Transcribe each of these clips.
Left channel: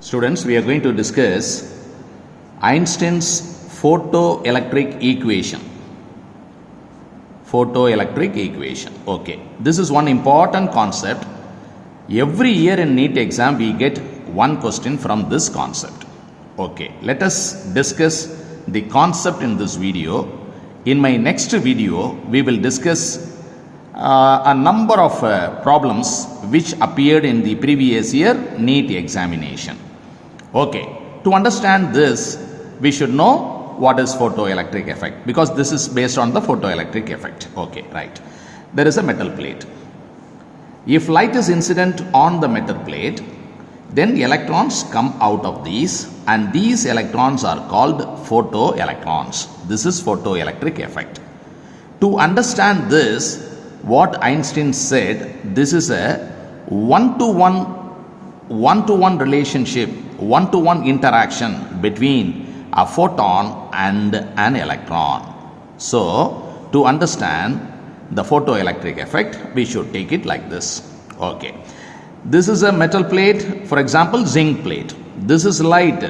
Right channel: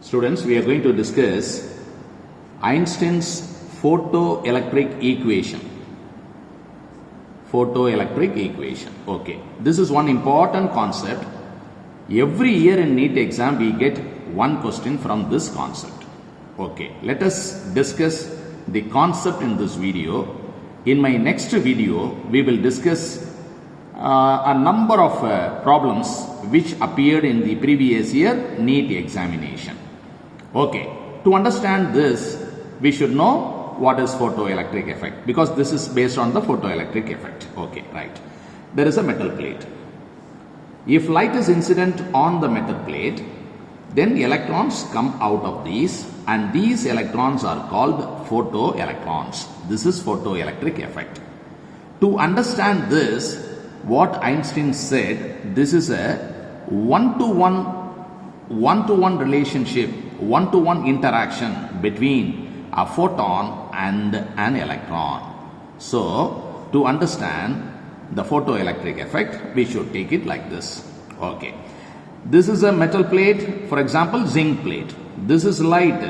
Students, we are going to discuss Einstein's photoelectric equation. Photoelectric equation. Okay. This is one important concept. Every year in Neet exam, we get one question from this concept. Okay. Let us discuss the concept in this video. In my next video, we will discuss a number of problems which appeared in the previous year Neet examination. Okay, to understand this, we should know what is photoelectric effect, because this is based on the photoelectric effect. Okay, right. There is a metal plate. If light is incident on the metal plate, then electrons come out of these, and these electrons are called photoelectrons. This is photoelectric effect. To understand this, what Einstein said, this is a one-to-one relationship, one-to-one interaction between a photon and an electron. So, to understand the photoelectric effect, we should take it like this. Okay. This is a metal plate, for example, zinc plate. This is light,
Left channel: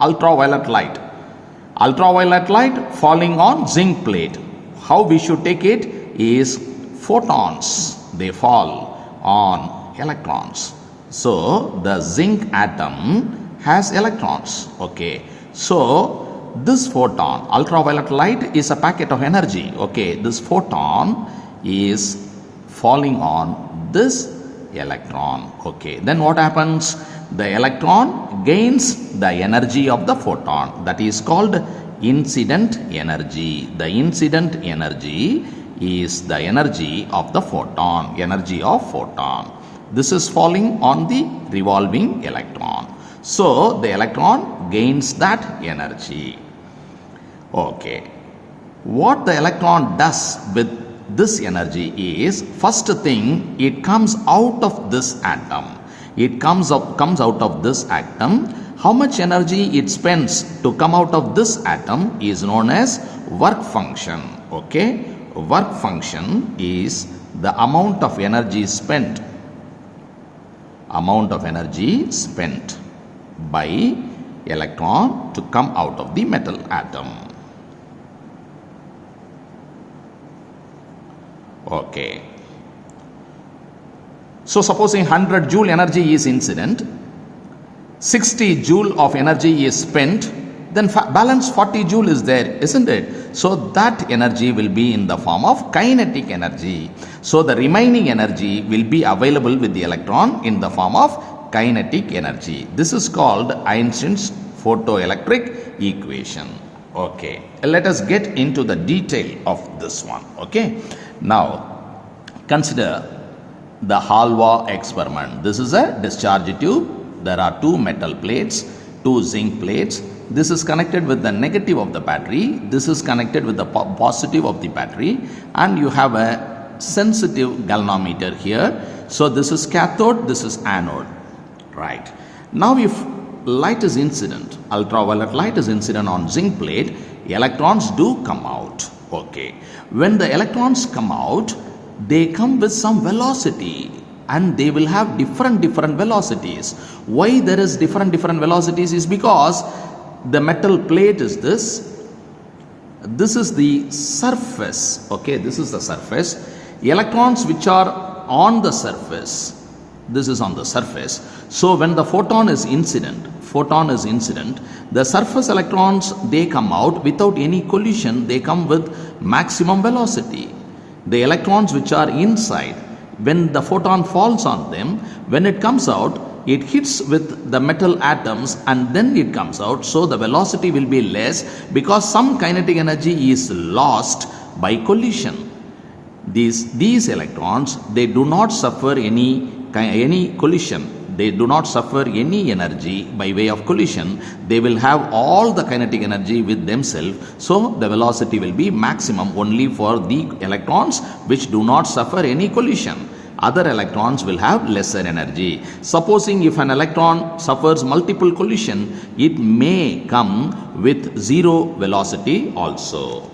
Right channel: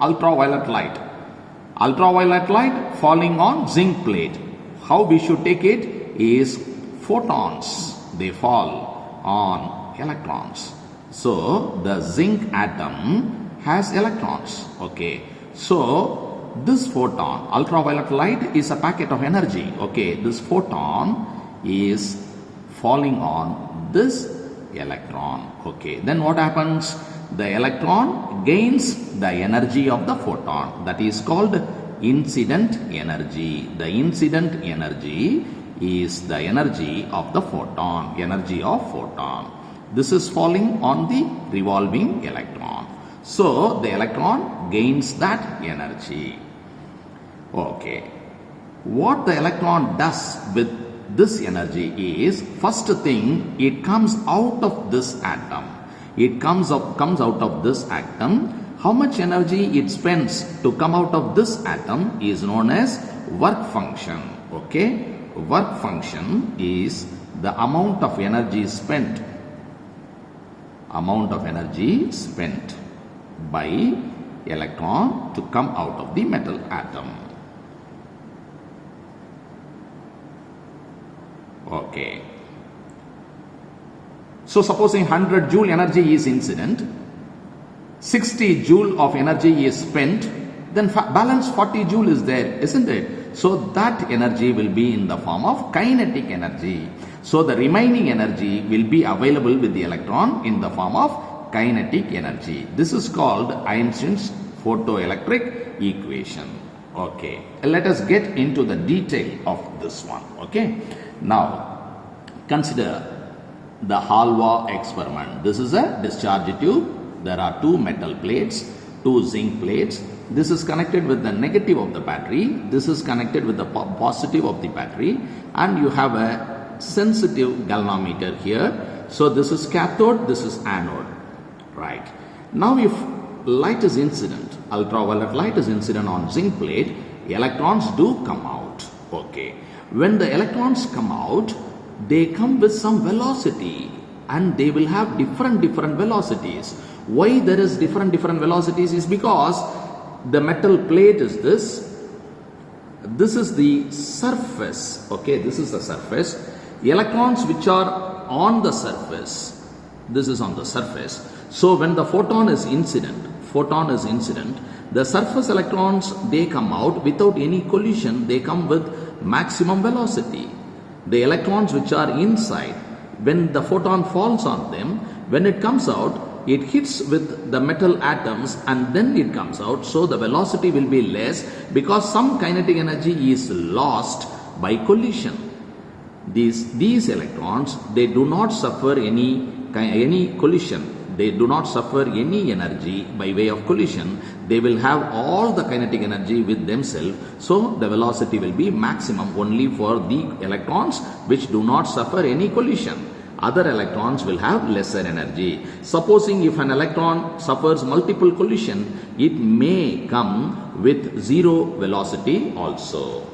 ultraviolet light. Ultraviolet light falling on zinc plate. How we should take it is photons. They fall on electrons. So, the zinc atom has electrons. Okay. So, this photon, ultraviolet light, is a packet of energy. Okay. This photon is falling on this electron. Okay. Then what happens? The electron gains the energy of the photon. That is called incident energy. The incident energy is the energy of the photon. Energy of photon. This is falling on the revolving electron. So, the electron gains that energy. Okay. What the electron does with this energy is, first thing, it comes out of this atom. It comes out of this atom. How much energy it spends to come out of this atom is known as work function. Okay. Work function is the amount of energy spent. Amount of energy spent by electron to come out of the metal atom. Okay. So, supposing 100 joule energy is incident, 60 joule of energy is spent, then balance 40 joule is there, isn't it? So, that energy will be in the form of kinetic energy. So, the remaining energy will be available with the electron in the form of kinetic energy. This is called Einstein's photoelectric equation. Okay. Let us get into the detail of this one. Okay. Now, consider the Halva experiment. This is a discharge tube. There are two metal plates, two zinc plates. This is connected with the negative of the battery. This is connected with the positive of the battery. And you have a sensitive galvanometer here. So, this is cathode, this is anode. Right. Now, if light is incident, ultraviolet light is incident on zinc plate, electrons do come out. Okay. When the electrons come out, they come with some velocity, and they will have different velocities. Why there is different velocities is because the metal plate is this. This is the surface. Okay, this is the surface. Electrons which are on the surface. This is on the surface. So when the photon is incident, the surface electrons, they come out without any collision. They come with maximum velocity. The electrons which are inside, when the photon falls on them, when it comes out, it hits with the metal atoms and then it comes out. So the velocity will be less because some kinetic energy is lost by collision. These electrons, they do not suffer any collision. They do not suffer any energy by way of collision. They will have all the kinetic energy with themselves. So the velocity will be maximum only for the electrons which do not suffer any collision. Other electrons will have lesser energy. Supposing if an electron suffers multiple collision, it may come with zero velocity also.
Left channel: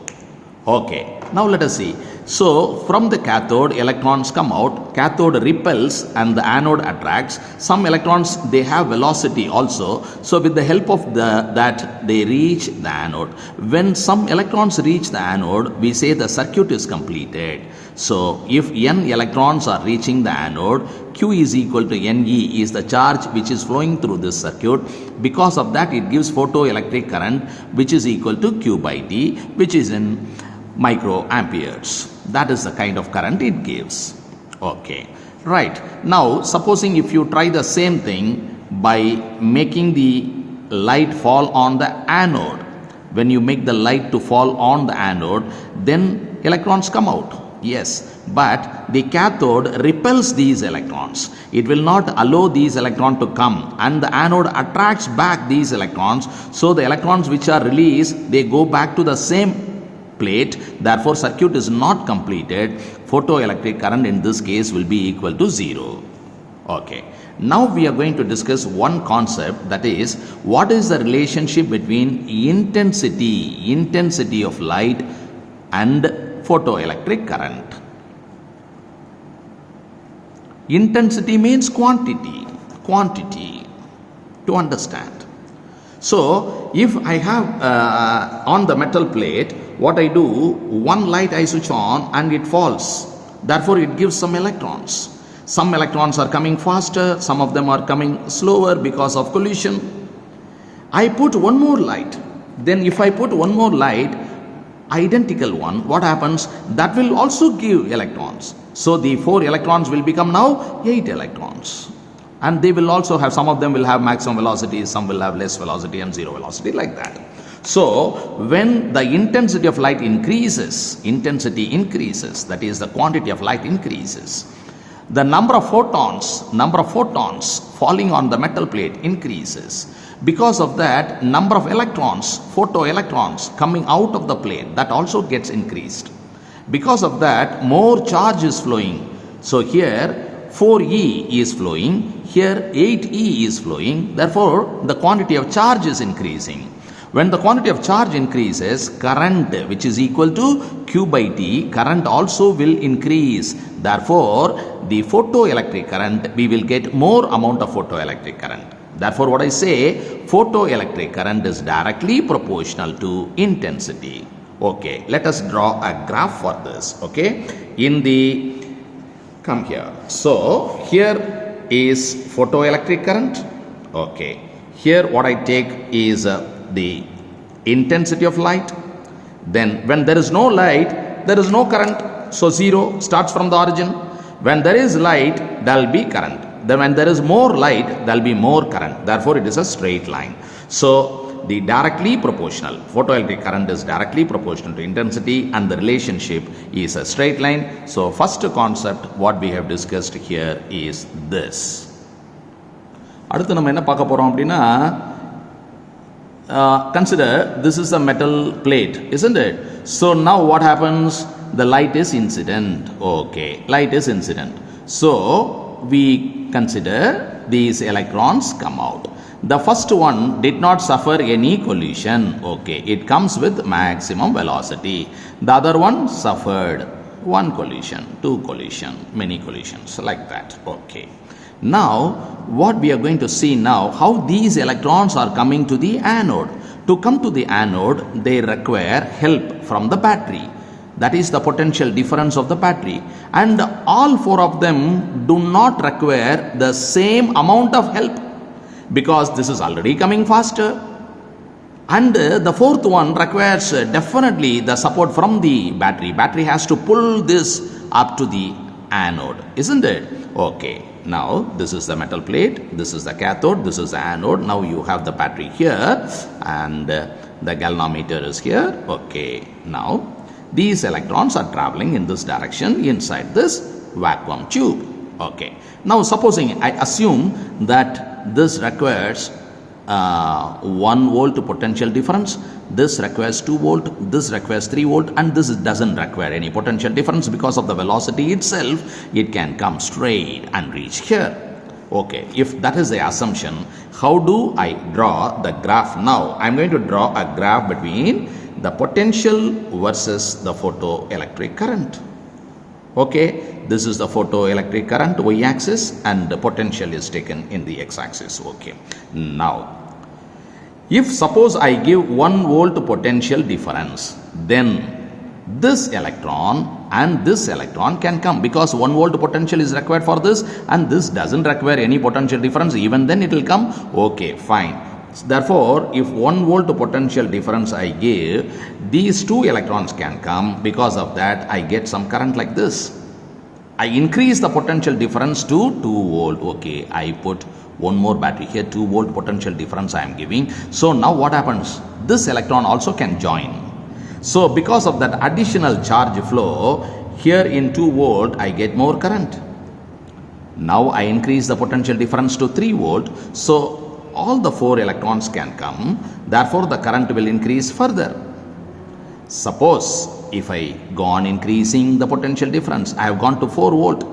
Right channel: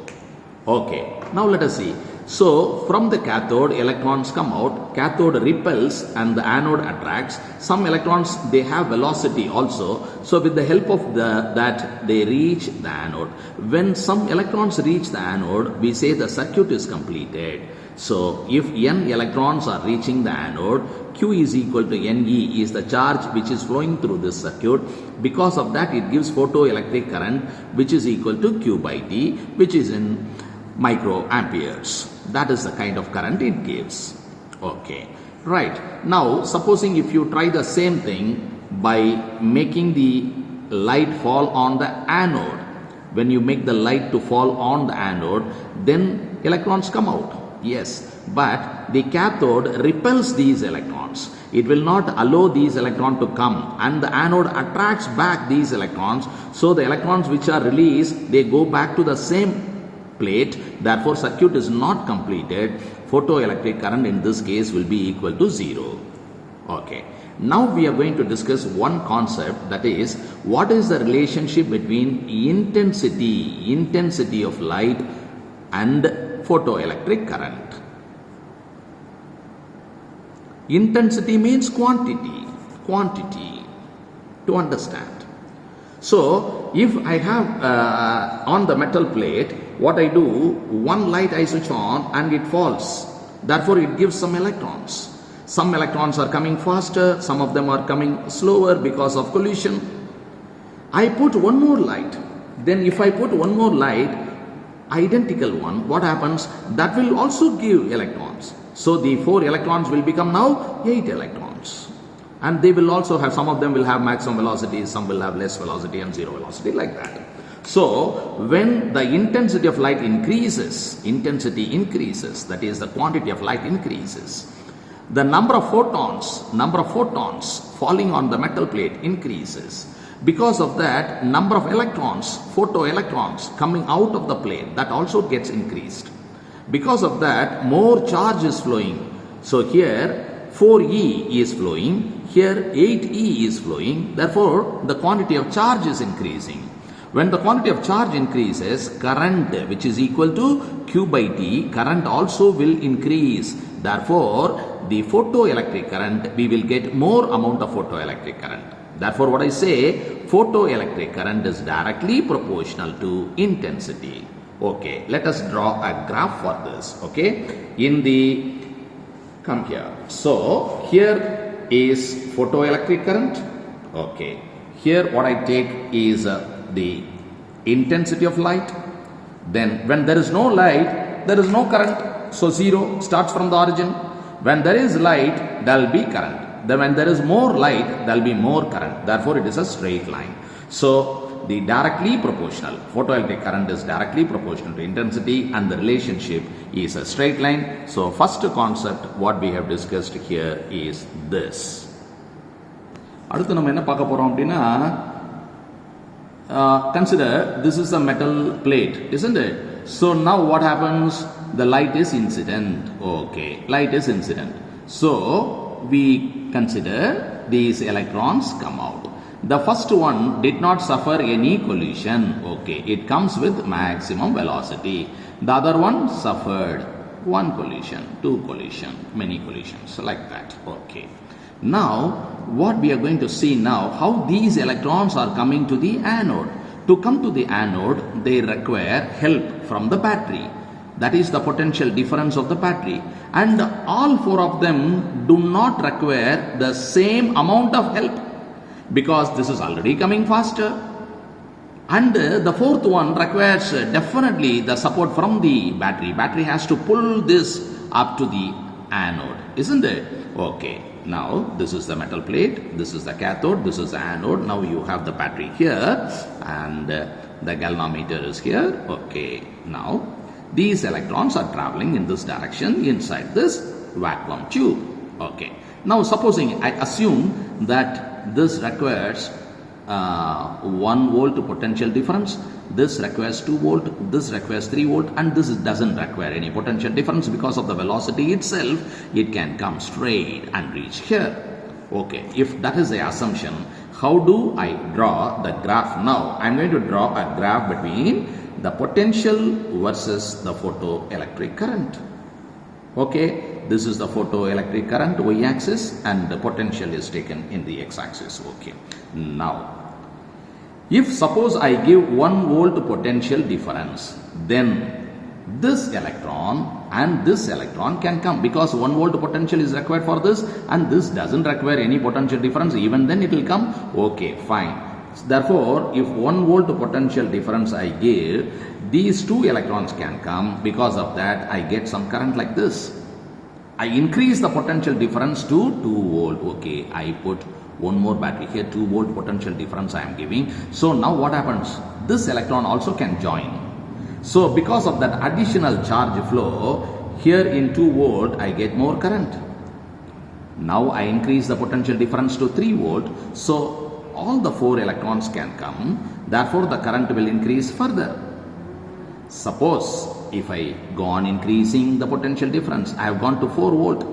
Okay. Now let us see. So from the cathode, electrons come out, cathode repels and the anode attracts. Some electrons, they have velocity also. So with the help of that, they reach the anode. When some electrons reach the anode, we say the circuit is completed. So if n electrons are reaching the anode, Q is equal to Ne is the charge which is flowing through this circuit. Because of that, it gives photoelectric current which is equal to Q by T, which is in microamperes. That is the kind of current it gives. Okay, right. Now, supposing if you try the same thing by making the light fall on the anode. When you make the light to fall on the anode, then electrons come out. Yes, but the cathode repels these electrons. It will not allow these electrons to come, and the anode attracts back these electrons. So the electrons which are released, they go back to the same plate. Therefore, circuit is not completed. Photoelectric current in this case will be equal to 0. Okay. Now we are going to discuss one concept, that is, what is the relationship between intensity of light and photoelectric current. Intensity means quantity to understand. So if I have on the metal plate, what I do, one light I switch on and it falls. Therefore it gives some electrons. Some electrons are coming faster, some of them are coming slower because of collision. I put one more light. Then if I put one more light, identical one, what happens? That will also give electrons. So the 4 electrons will become now 8 electrons. And they will also have, some of them will have maximum velocity, some will have less velocity and 0 velocity, like that. So when the intensity of light increases, that is the quantity of light increases, the number of photons falling on the metal plate increases. Because of that, number of electrons, photoelectrons coming out of the plate, that also gets increased. Because of that, more charge is flowing. So here 4E is flowing, here 8E is flowing. Therefore, the quantity of charge is increasing. When the quantity of charge increases, current, which is equal to Q by T, current also will increase. Therefore, the photoelectric current, we will get more amount of photoelectric current. Therefore, what I say, photoelectric current is directly proportional to intensity. Okay, let us draw a graph for this. Okay, come here. So, here is photoelectric current. Okay, here what I take is the intensity of light. Then when there is no light, there is no current. So 0 starts from the origin. When there is light, there will be current. Then when there is more light, there will be more current. Therefore, it is a straight line. So the directly proportional, photoelectric current is directly proportional to intensity, and the relationship is a straight line. So first concept what we have discussed here is this. அடுத்து நம்ம என்ன பார்க்க போறோம் அப்படினா, consider this is a metal plate, isn't it? So now what happens? The light is incident. Okay, light is incident. So we consider these electrons come out. The first one did not suffer any collision. Okay, it comes with maximum velocity. The other one suffered one collision, two collision, many collisions, like that. Okay. Now, what we are going to see now, how these electrons are coming to the anode. To come to the anode, they require help from the battery. That is the potential difference of the battery. And all 4 of them do not require the same amount of help, because this is already coming faster. And the 4th one requires definitely the support from the battery. Battery has to pull this up to the anode, isn't it? Okay. Now, this is the metal plate, this is the cathode, this is the anode. Now you have the battery here, and the galvanometer is here. Okay. Now, these electrons are traveling in this direction inside this vacuum tube. Okay. Now, supposing I assume that this requires 1 volt potential difference, this requires 2 volt, this requires 3 volt, and this doesn't require any potential difference. Because of the velocity itself, it can come straight and reach here. Okay, if that is the assumption, how do I draw the graph now? I'm going to draw a graph between the potential versus the photoelectric current. Okay, this is the photoelectric current y-axis and the potential is taken in the x-axis. Okay, now if suppose I give 1 volt potential difference, then this electron and this electron can come, because 1 volt potential is required for this and this doesn't require any potential difference, even then it will come. Okay, fine. Therefore, if 1 volt potential difference I give, these 2 electrons can come. Because of that, I get some current like this. I increase the potential difference to 2 volt. Okay, I put one more battery here, 2 volt potential difference I am giving. So now what happens? This electron also can join. So because of that additional charge flow, here in 2 volt I get more current. Now I increase the potential difference to 3 volt. So all the 4 electrons can come. Therefore the current will increase further. Suppose if I go on increasing the potential difference, I have gone to 4 volt.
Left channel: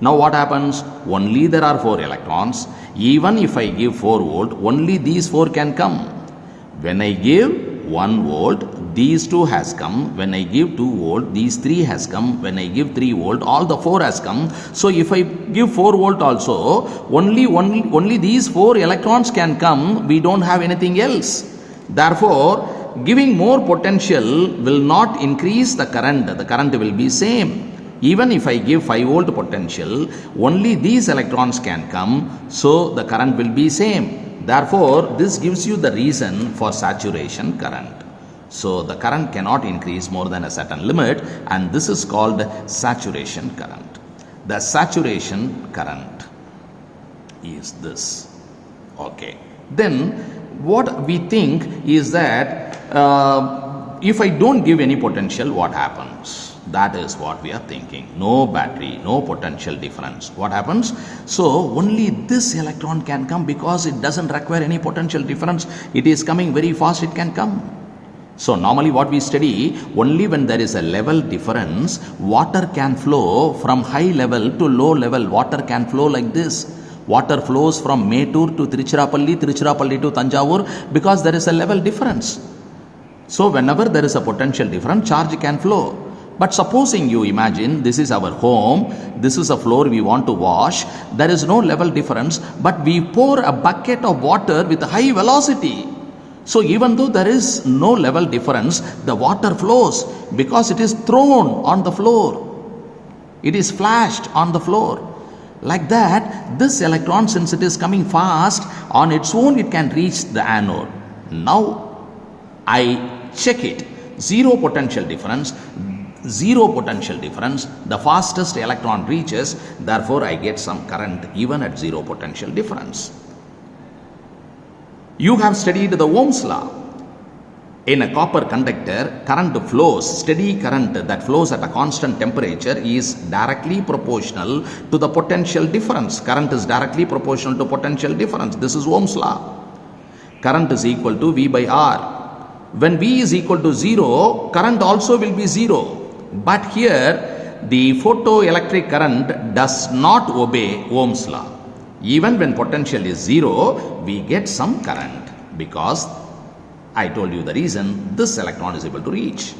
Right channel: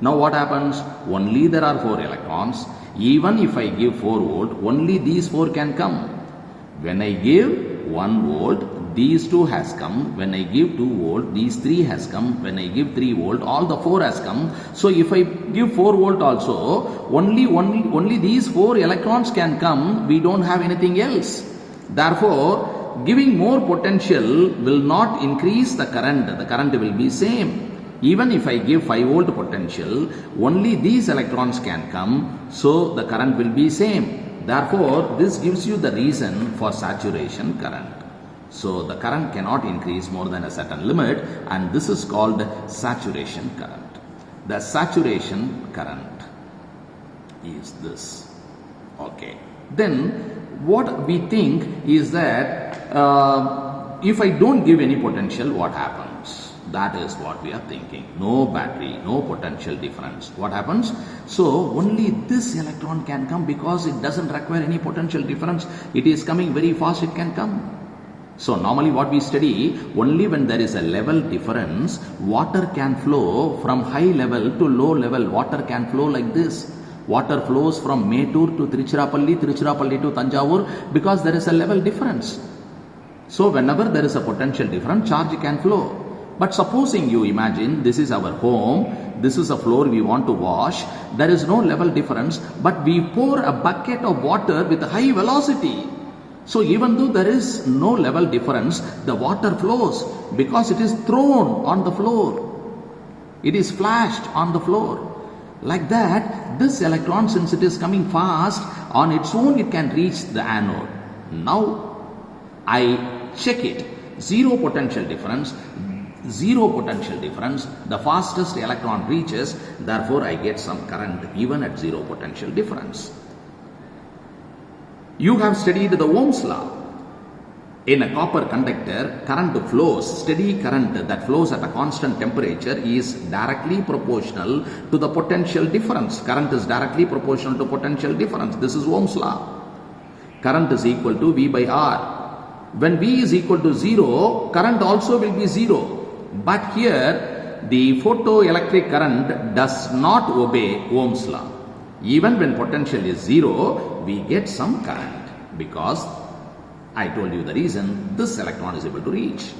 Now what happens? Only there are 4 electrons. Even if I give 4 volt, only these 4 can come. When I give 1 volt, these 2 has come. When I give 2 volt, these 3 has come. When I give 3 volt, all the 4 has come. So if I give 4 volt also, only these 4 electrons can come. We don't have anything else. Therefore, giving more potential will not increase the current. The current will be same. Even if I give 5 volt potential, only these electrons can come. So the current will be same. Therefore, this gives you the reason for saturation current. So the current cannot increase more than a certain limit, and this is called saturation current. The saturation current is this. Okay. Then what we think is that if I don't give any potential, what happens? That is what we are thinking. No battery, no potential difference. What happens? So only this electron can come because it doesn't require any potential difference. It is coming very fast, it can come. So normally what we study, only when there is a level difference, water can flow from high level to low level. Water can flow like this. Water flows from Mettur to Tiruchirappalli, Tiruchirappalli to Tanjavur, because there is a level difference. So whenever there is a potential difference, charge can flow. But supposing you imagine this is our home, this is a floor we want to wash, there is no level difference, but we pour a bucket of water with high velocity. So even though there is no level difference, the water flows because it is thrown on the floor. It is flashed on the floor. Like that, this electron, since it is coming fast, on its own it can reach the anode. Now I check it. Zero potential difference, the fastest electron reaches, therefore I get some current even at zero potential difference. You have studied the Ohm's law. In a copper conductor, current flows, steady current that flows at a constant temperature is directly proportional to the potential difference. Current is directly proportional to potential difference. This is Ohm's law. Current is equal to V by R. When V is equal to 0, current also will be 0. But here, the photoelectric current does not obey Ohm's law. Even when potential is 0, we get some current because I told you the reason, this electron is able to reach.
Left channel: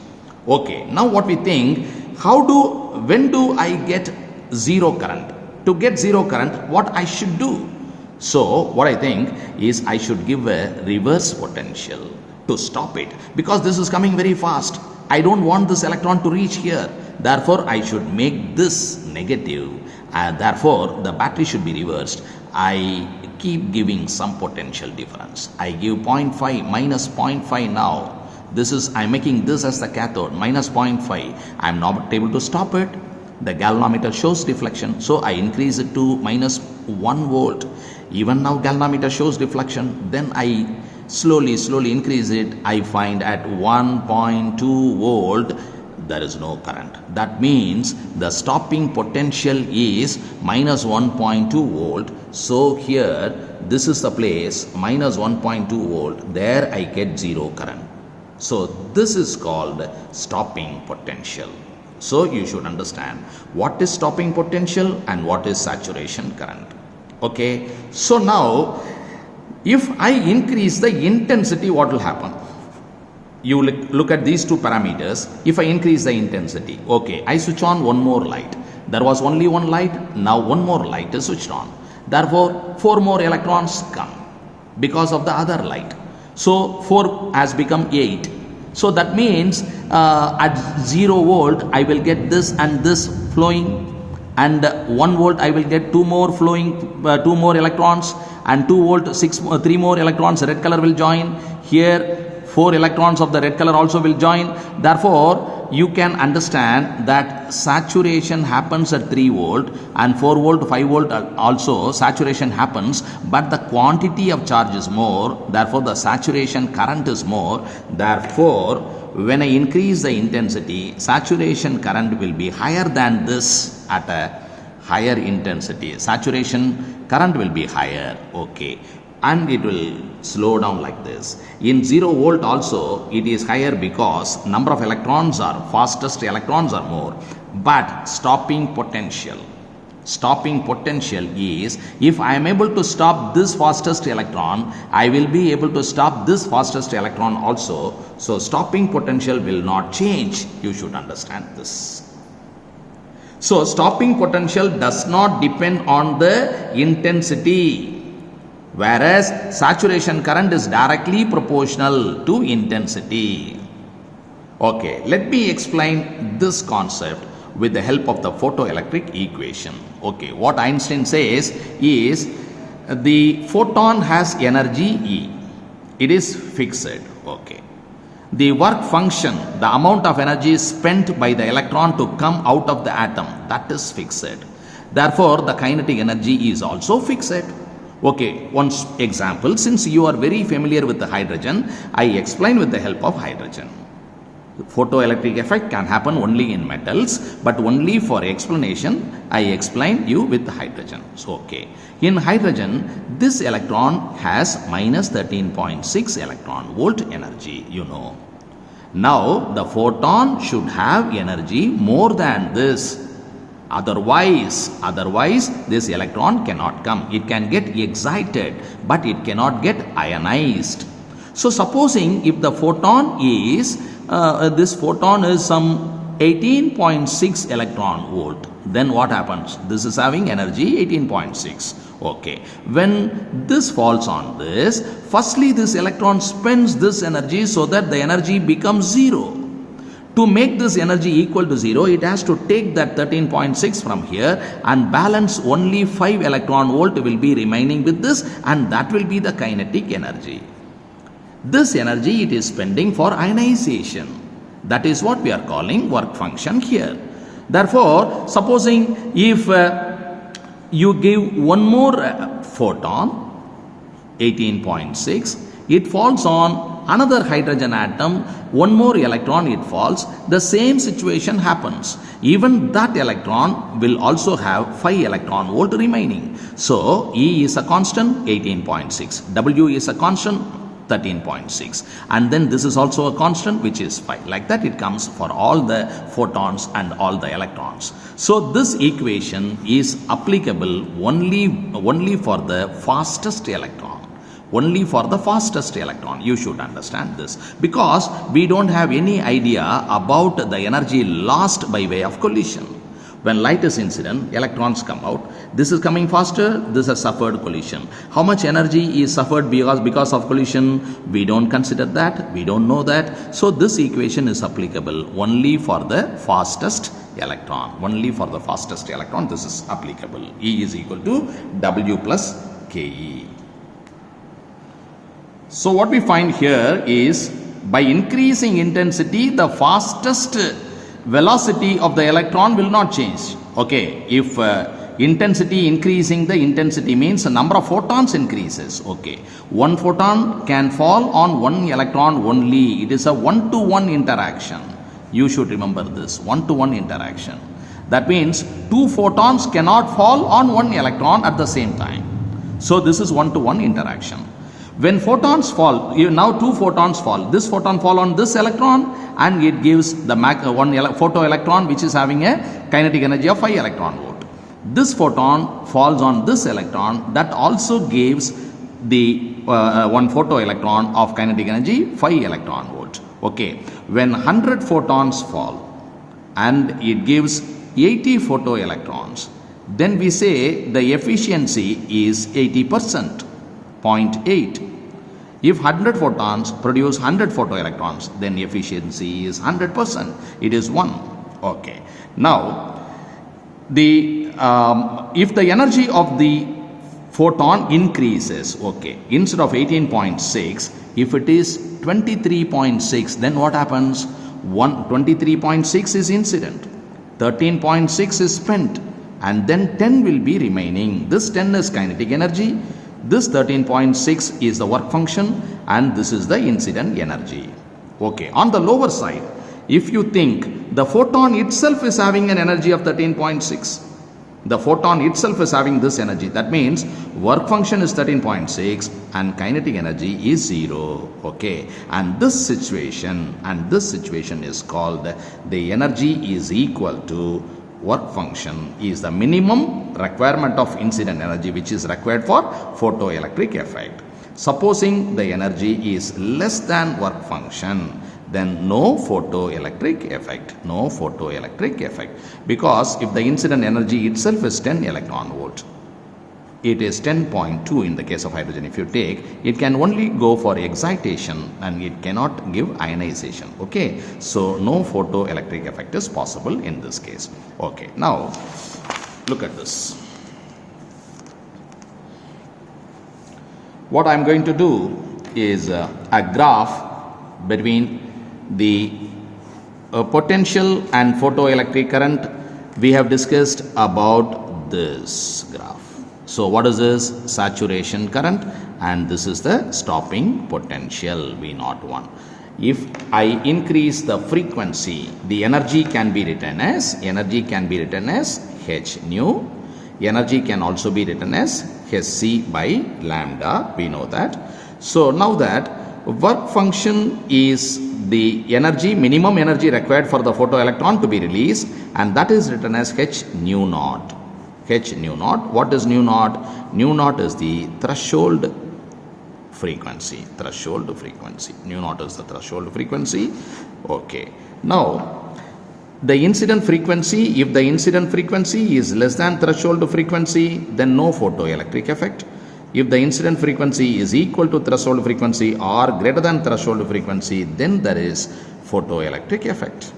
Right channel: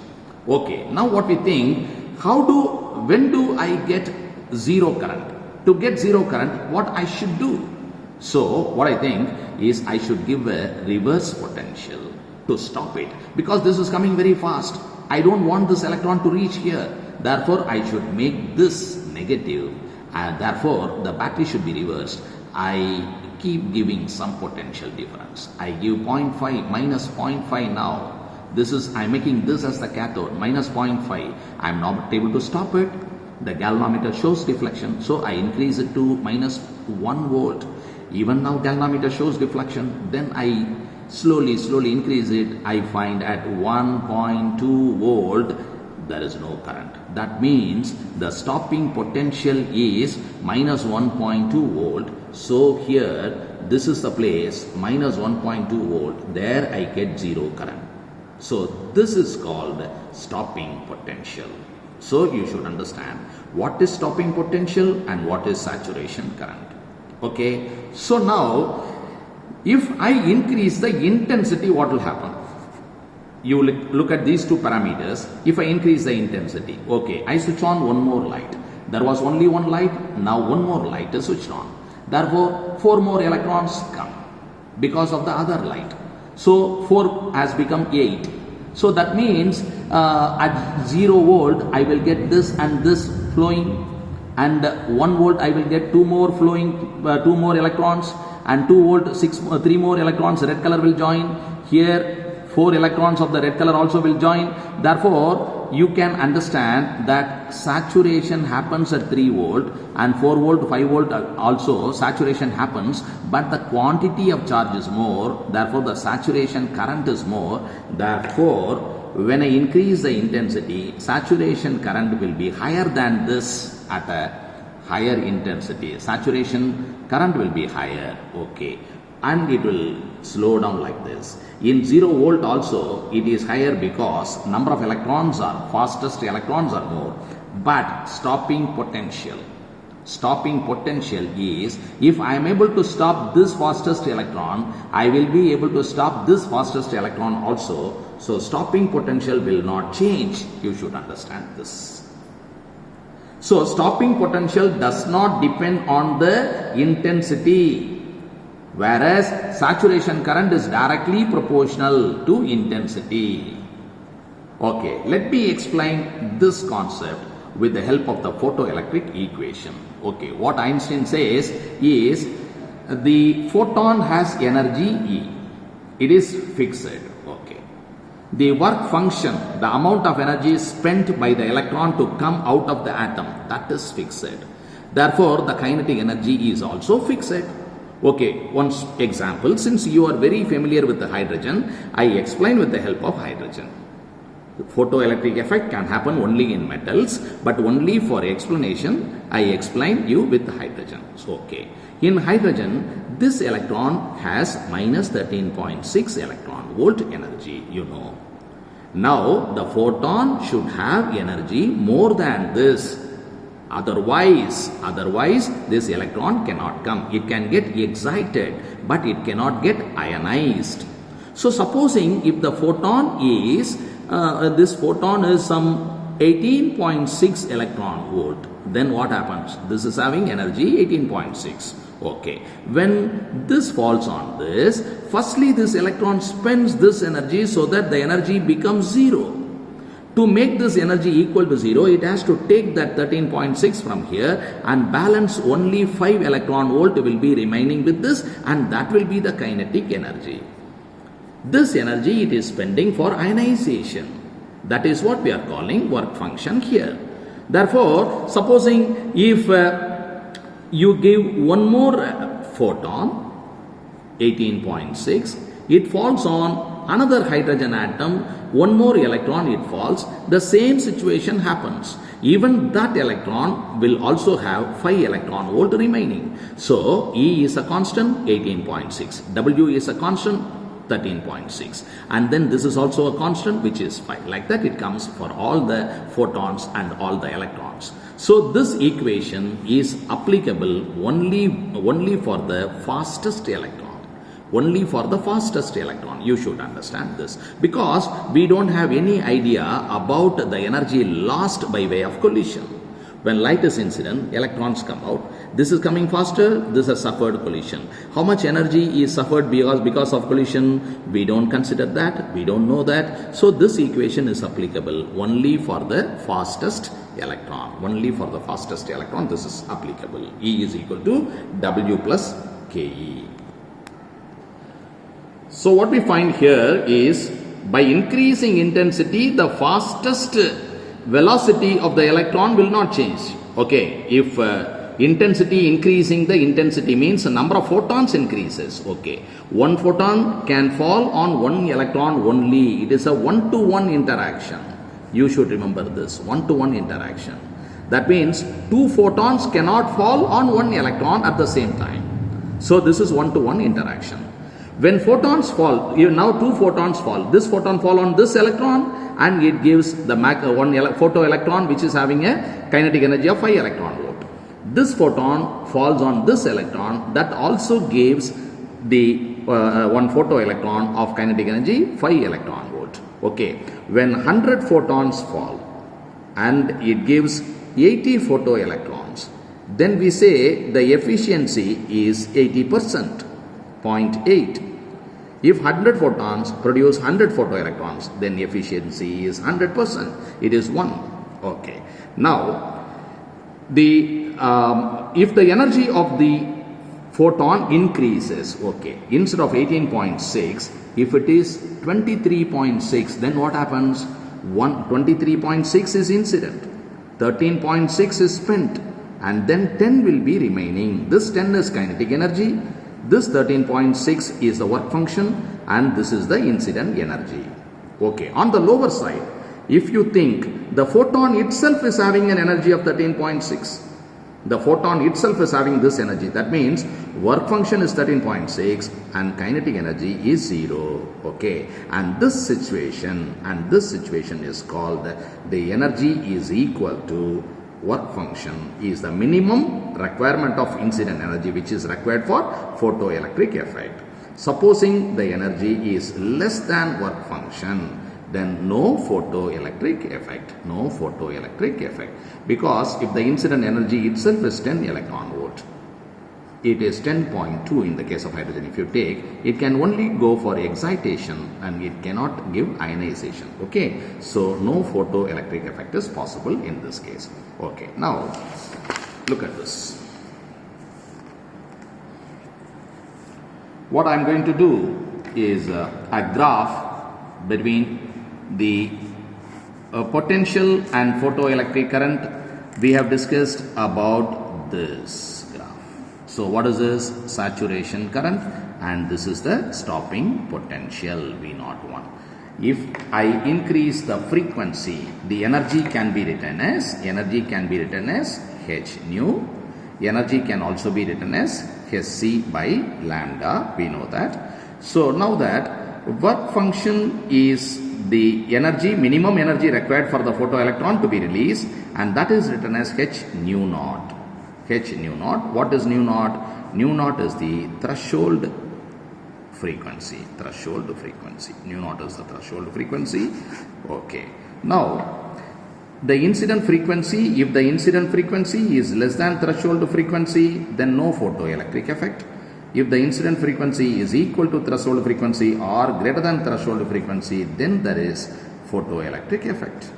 Okay, now what we think, when do I get zero current? To get zero current, what I should do? So what I think is I should give a reverse potential to stop it, because this is coming very fast. I don't want this electron to reach here. Therefore, I should make this negative, and therefore the battery should be reversed. I keep giving some potential difference. I give 0.5 minus 0.5 now. I'm making this as the cathode, minus 0.5. I'm not able to stop it. The galvanometer shows deflection, so I increase it to minus 1 volt. Even now galvanometer shows deflection. Then I slowly increase it. I find at 1.2 volt there is no current. That means the stopping potential is minus 1.2 volt. So here this is the place, minus 1.2 volt. There I get zero current. So this is called stopping potential. So you should understand what is stopping potential and what is saturation current. Okay, so now if I increase the intensity, what will happen? You look at these two parameters. If I increase the intensity, okay, I switch on one more light. There was only one light, now one more light is switched on. Therefore, 4 more electrons come because of the other light. So 4 has become 8. So that means at 0 volt I will get this and this flowing, and 1 volt I will get 2 more flowing, 2 more electrons, and 2 volt 3 more electrons red color will join. Here 4 electrons of the red color also will join. Therefore, you can understand that saturation happens at 3 volt and 4 volt, 5 volt also saturation happens, but the quantity of charge is more. Therefore, the saturation current is more. Therefore, when I increase the intensity, saturation current will be higher than this at a higher intensity. Saturation current will be higher. Okay. And it will slow down like this. In 0 volt also it is higher because number of electrons are, fastest electrons are more. But stopping potential is, if I am able to stop this fastest electron, I will be able to stop this fastest electron also. So stopping potential will not change. You should understand this. So stopping potential does not depend on the intensity, whereas saturation current is directly proportional to intensity. Okay, let me explain this concept with the help of the photoelectric equation. Okay, what Einstein says is the photon has energy E. It is fixed. Okay. The work function, the amount of energy spent by the electron to come out of the atom, that is fixed. Therefore, the kinetic energy is also fixed. Okay, one example, since you are very familiar with the hydrogen, I explain with the help of hydrogen. Photoelectric effect can happen only in metals, but only for explanation, I explain you with hydrogen. So, okay. In hydrogen, this electron has minus 13.6 electron volt energy, you know. Now, the photon should have energy more than this. Otherwise, this electron cannot come. It can get excited, but it cannot get ionized. So, supposing if the photon is, this photon is some 18.6 electron volt, then what happens? This is having energy 18.6. Okay. When this falls on this, firstly this electron spends this energy so that the energy becomes 0. To make this energy equal to 0, it has to take that 13.6 from here and balance only 5 electron volt will be remaining with this, and that will be the kinetic energy. This energy it is spending for ionization. That is what we are calling work function here. Therefore, supposing if you give one more photon, 18.6, it falls on another hydrogen atom, one more electron it falls, the same situation happens. Even that electron will also have 5 electron volt remaining. So, E is a constant, 18.6. W is a constant, 13.6. And then this is also a constant, which is 5. Like that it comes for all the photons and all the electrons. So, this equation is applicable only for the fastest electron. Only for the fastest electron. You should understand this, because we don't have any idea about the energy lost by way of collision. When light is incident, electrons come out. This is coming faster, this has suffered collision. How much energy is suffered because of collision? We don't consider that, we don't know that. So this equation is applicable only for the fastest electron. Only for the fastest electron this is applicable. E is equal to W plus Ke. So what we find here is, by increasing intensity, the fastest velocity of the electron will not change. Okay, if intensity increasing, the intensity means the number of photons increases. Okay, one photon can fall on one electron only. It is a one-to-one interaction. You should remember this, one-to-one interaction. That means 2 photons cannot fall on one electron at the same time. So this is one-to-one interaction. When photons fall, now 2 photons fall. This photon fall on this electron and it gives the one photoelectron which is having a kinetic energy of 5 electron volt. This photon falls on this electron, that also gives the one photoelectron of kinetic energy 5 electron volt. Okay, when 100 photons fall and it gives 80 photoelectrons, then we say the efficiency is 80%, 0.8. If 100 photons produce 100 photoelectrons, then efficiency is 100%. It is 1. Okay. Now, if the energy of the photon increases, okay, instead of 18.6, if it is 23.6, then what happens? 23.6 is incident, 13.6 is spent, and then 10 will be remaining. This 10 is kinetic energy, this 13.6 is the work function, and this is the incident energy. Okay, on the lower side, if you think the photon itself is having an energy of 13.6, the photon itself is having this energy, that means work function is 13.6 and kinetic energy is 0. Okay, and this situation is called the energy is equal to work function is the minimum requirement of incident energy which is required for photoelectric effect. Supposing the energy is less than work function, then no photoelectric effect, no photoelectric effect. Because if the incident energy itself is 10 electron volt, it is 10.2 in the case of hydrogen. If you take, it can only go for excitation and it cannot give ionization. Okay, so no photoelectric effect is possible in this case. Okay, now look at this. What I am going to do is a graph between the potential and photoelectric current. We have discussed about this graph. So what is this? Saturation current, and this is the stopping potential V01. If I increase the frequency, the energy can be written as H nu. Energy can also be written as Hc by lambda. We know that. So now that work function is the energy, minimum energy required for the photoelectron to be released, and that is written as H nu naught. H nu naught. What is nu naught? Nu naught is the threshold frequency. Threshold frequency. Nu naught is the threshold frequency. Okay. Now, the incident frequency, if the incident frequency is less than threshold frequency, then no photoelectric effect. If the incident frequency is equal to threshold frequency or greater than threshold frequency, then there is photoelectric effect.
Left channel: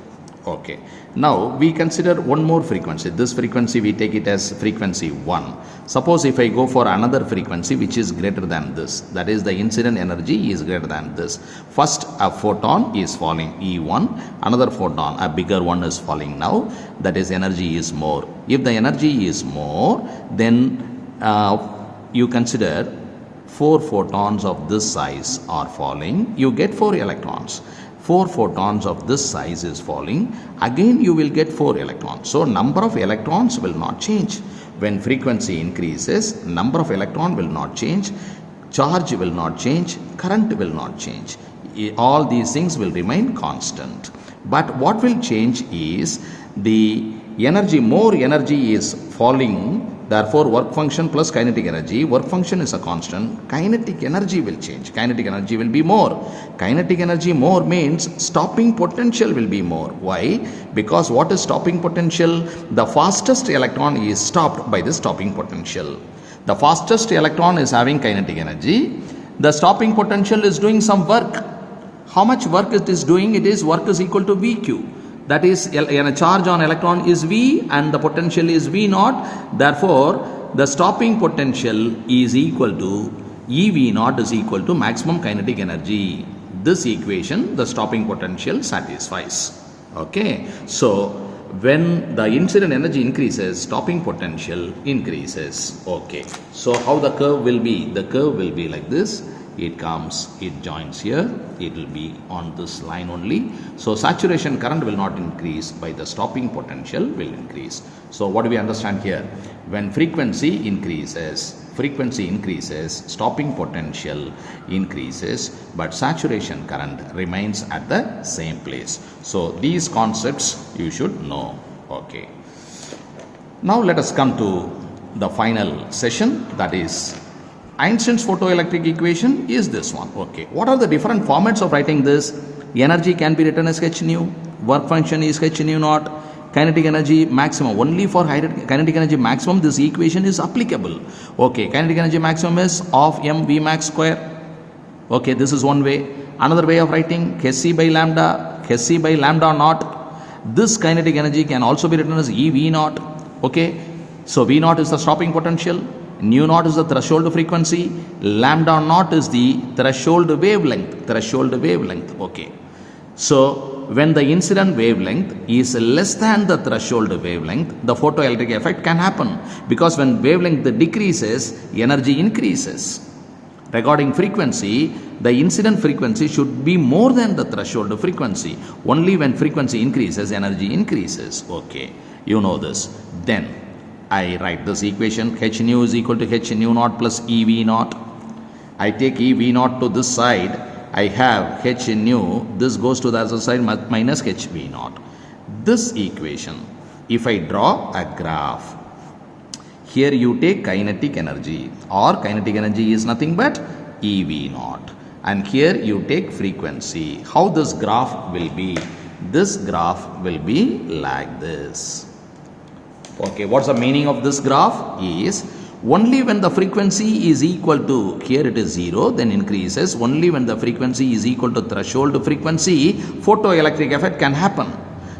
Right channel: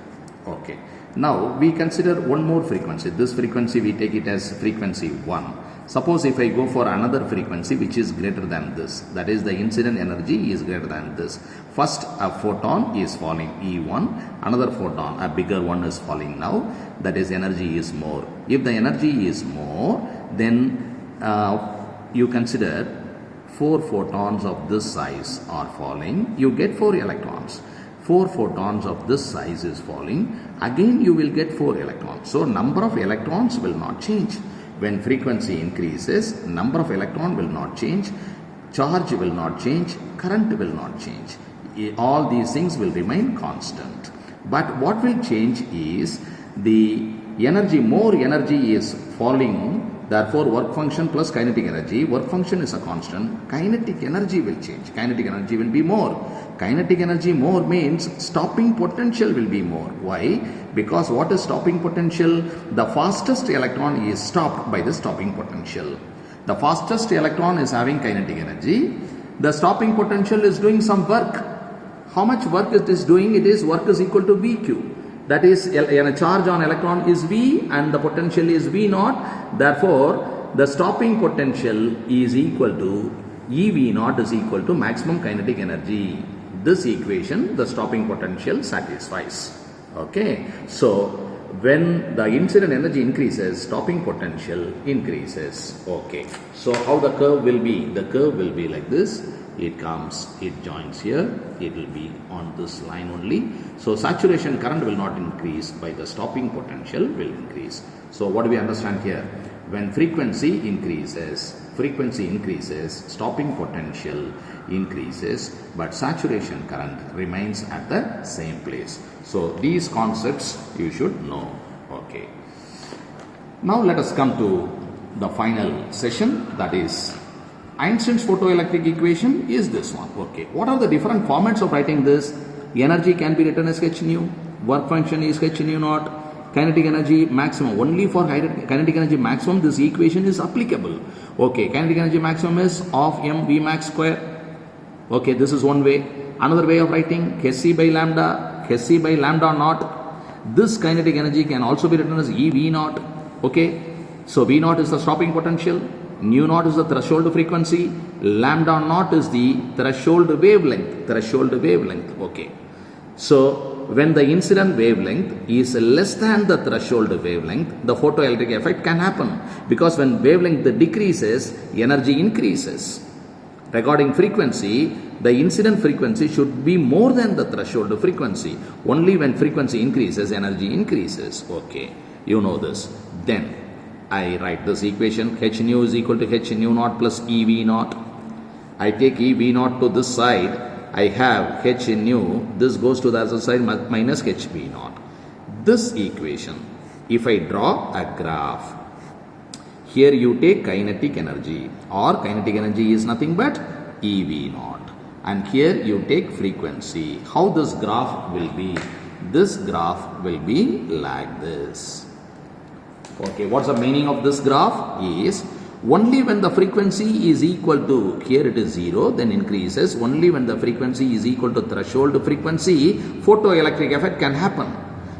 Okay. Now we consider one more frequency. This frequency we take it as frequency 1. Suppose if I go for another frequency which is greater than this, that is the incident energy is greater than this. First a photon is falling E1, another photon, a bigger one is falling now, that is energy is more. If the energy is more, then you consider 4 photons of this size are falling, you get 4 electrons. 4 photons of this size is falling, again you will get 4 electrons. So number of electrons will not change. When frequency increases, number of electron will not change, charge will not change, current will not change. All these things will remain constant. But what will change is the energy, more energy is falling. Therefore, work function plus kinetic energy, work function is a constant, kinetic energy will change, kinetic energy will be more. Kinetic energy more means stopping potential will be more. Why? Because what is stopping potential? The fastest electron is stopped by the stopping potential. The fastest electron is having kinetic energy. The stopping potential is doing some work. How much work it is doing? It is work is equal to VQ. That is, a charge on electron is V and the potential is V naught. Therefore, the stopping potential is equal to EV naught is equal to maximum kinetic energy. This equation, the stopping potential satisfies. Okay. So, when the incident energy increases, stopping potential increases. Okay. So, how the curve will be? The curve will be like this. It comes, it joins here, it will be on this line only. So saturation current will not increase, by the stopping potential will increase. So what do we understand here? When frequency increases, stopping potential increases, but saturation current remains at the same place. So these concepts you should know. Okay. Now let us come to the final session, that is Einstein's photoelectric equation is this one. Okay. What are the different formats of writing this? Energy can be written as h nu, work function is h nu naught, kinetic energy maximum. Only for kinetic energy maximum this equation is applicable. Okay, kinetic energy maximum is of mv max square. Okay, this is one way. Another way of writing hc by lambda naught. This kinetic energy can also be written as ev naught. Okay, so v naught is the stopping potential, nu naught is the threshold frequency, lambda naught is the threshold wavelength. Okay, so when the incident wavelength is less than the threshold wavelength, the photoelectric effect can happen, because when wavelength decreases, energy increases. Regarding frequency, the incident frequency should be more than the threshold frequency. Only when frequency increases, energy increases. Okay, you know this. Then I write this equation, h nu is equal to h nu naught plus ev naught. I take ev naught to this side, I have h nu, this goes to the other side minus hv naught. This equation, if I draw a graph, here you take kinetic energy, or kinetic energy is nothing but ev naught, and here you take frequency. How this graph will be? This graph will be like this. Okay, what's the meaning of this graph? Is only when the frequency is equal to, here it is 0, then increases. Only when the frequency is equal to threshold frequency, photoelectric effect can happen.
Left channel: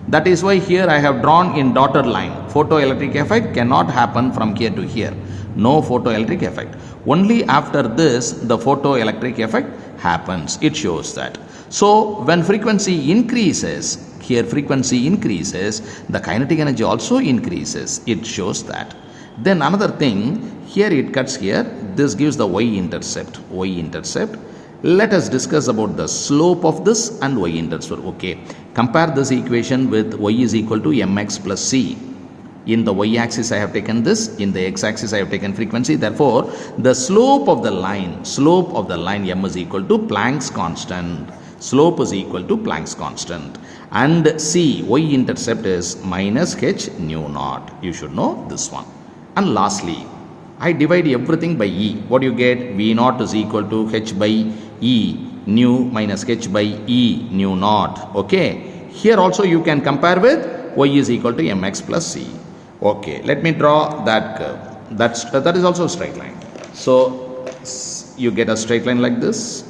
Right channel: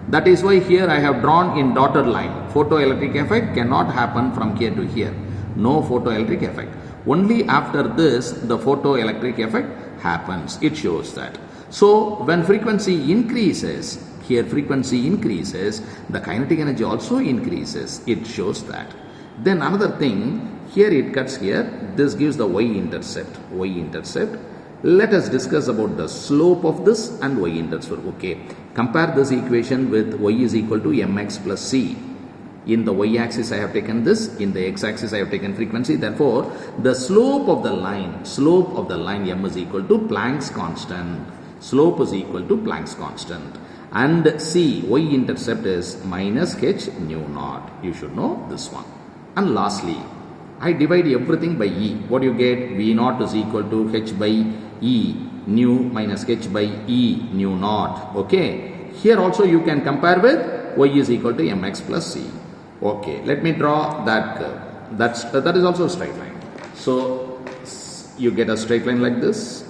That is why here I have drawn in dotted line. Photoelectric effect cannot happen from here to here. No photoelectric effect. Only after this the photoelectric effect happens. It shows that. So when frequency increases, here frequency increases, the kinetic energy also increases. It shows that. Then another thing, here it cuts here. This gives the y-intercept. Y-intercept. Let us discuss about the slope of this and y-intercept. Okay. Compare this equation with y is equal to mx plus c. In the y-axis I have taken this, in the x-axis I have taken frequency. Therefore, the slope of the line m is equal to Planck's constant. Slope is equal to Planck's constant. And c, y-intercept is minus h nu naught. You should know this one. And lastly, I divide everything by E. What do you get? V naught is equal to h by E, nu minus h by E nu naught. Okay. Here also you can compare with y is equal to mx plus c. Okay. Let me draw that curve. That is also a straight line. So you get a straight line like this.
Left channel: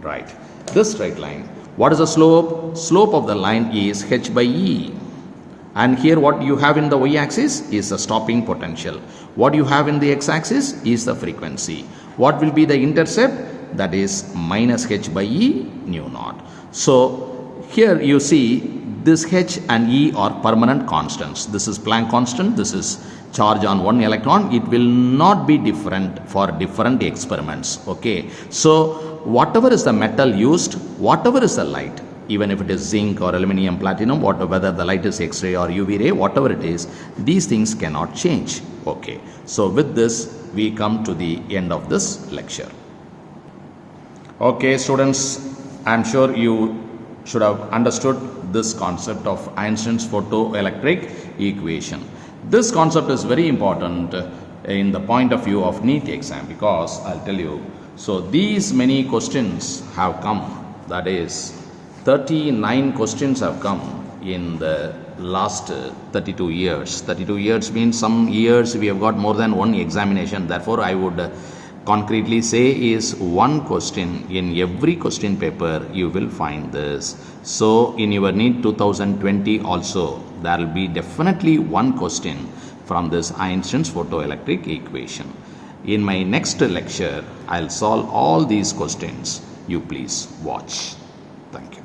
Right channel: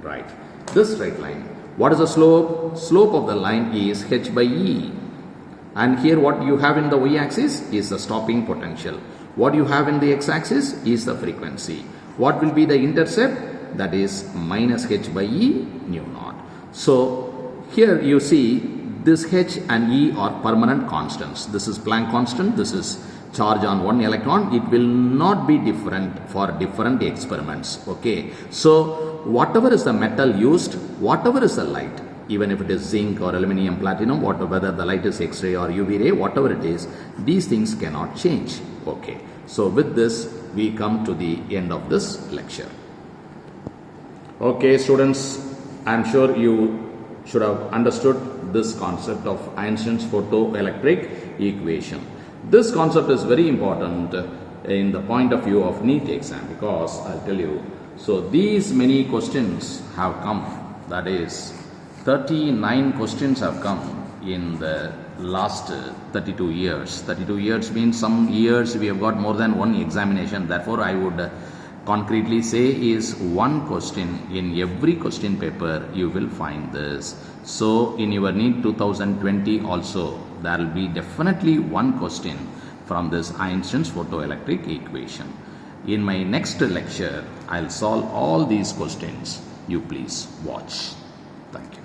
Right. This straight line. What is the slope? Slope of the line is h by E. And here what you have in the y-axis is the stopping potential. What you have in the x-axis is the frequency. What will be the intercept? That is minus h by E nu naught. So here you see this h and E are permanent constants. This is Planck constant. This is charge on one electron. It will not be different for different experiments. Okay. So whatever is the metal used, whatever is the light, even if it is zinc or aluminum, platinum, whether the light is X-ray or UV ray, whatever it is, these things cannot change. Okay. So with this, we come to the end of this lecture. Okay, students, I am sure you should have understood this concept of Einstein's photoelectric equation. This concept is very important in the point of view of Neet exam, because I'll tell you, so these many questions have come, that is 39 questions have come in the last 32 years. 32 years means some years we have got more than one examination. Therefore, I would concretely say is one question in every question paper you will find this. So in your NEET 2020 also there will be definitely one question from this Einstein's photoelectric equation. In my next lecture, I'll solve all these questions. You please watch. Thank you.